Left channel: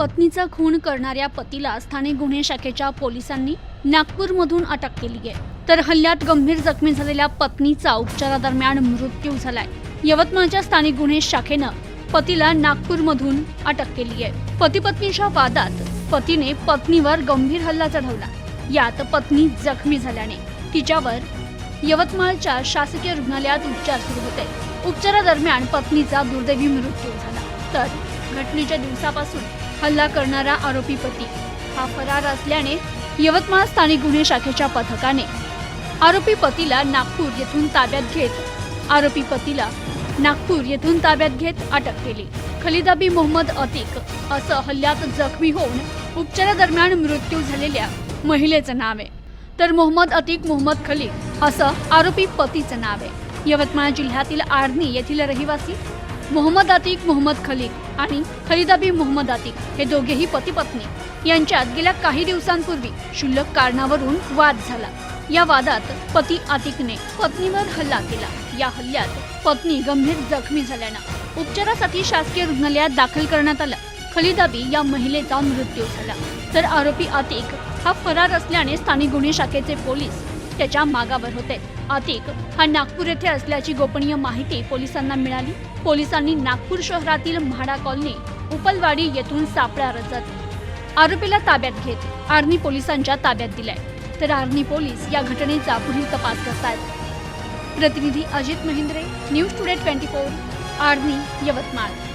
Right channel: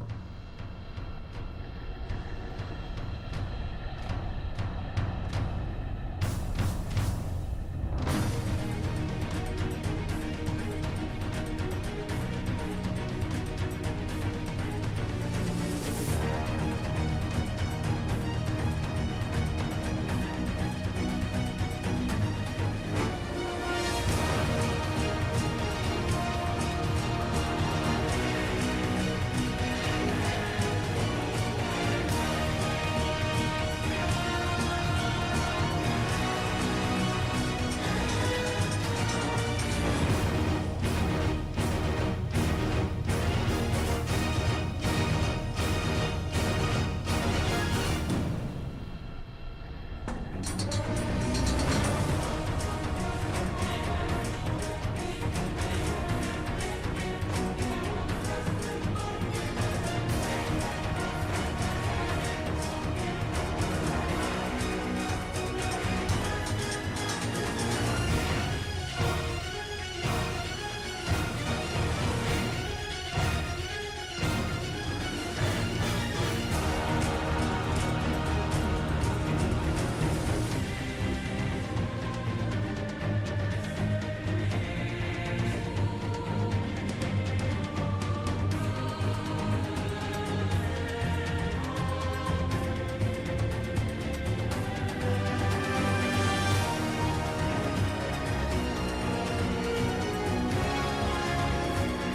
पत्नीचा खून करणाऱ्या पतीला स्थानिक गुन्हे शाखेच्या पोलिसांनी नागपूरमधून अटक केली आहे. तर हल्ल्यात गंभीर जखमी झालेल्या पत्नीचा उपचारादरम्यान मृत्यू झालाय. यवतमाळच्या स्थानिक गुन्हे शाखेनं पतीला नागपूरमधून अटक केली आहे. पती पत्नीच्या वादात पतीने पत्नीवर गंभीर हल्ला चढवला. यात पत्नी जखमी झाल्याने तिच्यावर यवतमाळच्या शासकीय रुग्णालयात उपचार सुरू होते. उपचारादरम्यान पत्नीचा दुर्दैवी मृत्यू झाला. तर घटनेच्या दिवसापासून हल्ला करणारा आरोपी पती. हा फरार असल्याने यवतमाळ स्थानिक गुन्हे शाखेच्या पथकाने आरोपी पतीला नागपूर येथून ताब्यात घेत आरोपी पतीला नागपूर येथून ताब्यात घेत अटक केली. खलिदाबी मोहम्मद अतिक असं हल्ल्यात जखमी होऊन उपचारादरम्यान मृत्यू झालेल्या महिलेचं नाव आहे. तर मोहम्मद अतिक मोहम्मद खली असं आरोपी पतीचं नाव आहे. यवतमाळ जिल्ह्यातील आर्नी येथील रहिवासी मोहम्मद आतिक मोहम्मद खलीद आणि खलिदाबी मोहम्मद आतिक हे दोघेही पती पत्नी यांच्यात गेल्या काही दिवसांपूर्वी क्षुल्लक कारणावरून वाद झाला. या वादात पती आतिकने पत्नीवर हल्ला केला. या हल्ल्यात पत्नी गंभीर जखमी झाल्यानं उपचारासाठी शासकीय रुग्णालयात दाखल करण्यात आलं. खलिदाबी या महिलेचा मृत्यू झाला. तर आरोपी आतिक हा फरार असल्याने स्थानिक गुन्हे शाखेचे पोलीस त्याच्या मागावर होते. अतिक हा नागपूर येथे असल्याची गोपनीय माहिती पोलिसांना मिळाली. पोलिसांनी नागपूर शहरातील म्हाडा कॉलनी उपलवाडी येथून सापळा रचत आरोपीला ताब्यात घेत आर्मी पोलिसांच्या ताब्यात दिलाय. तर आर्मी पोलीस या घटनेचा पुढील तपास करतात प्रतिनिधी Ajit Mahindre news today twenty four army Yavatmal.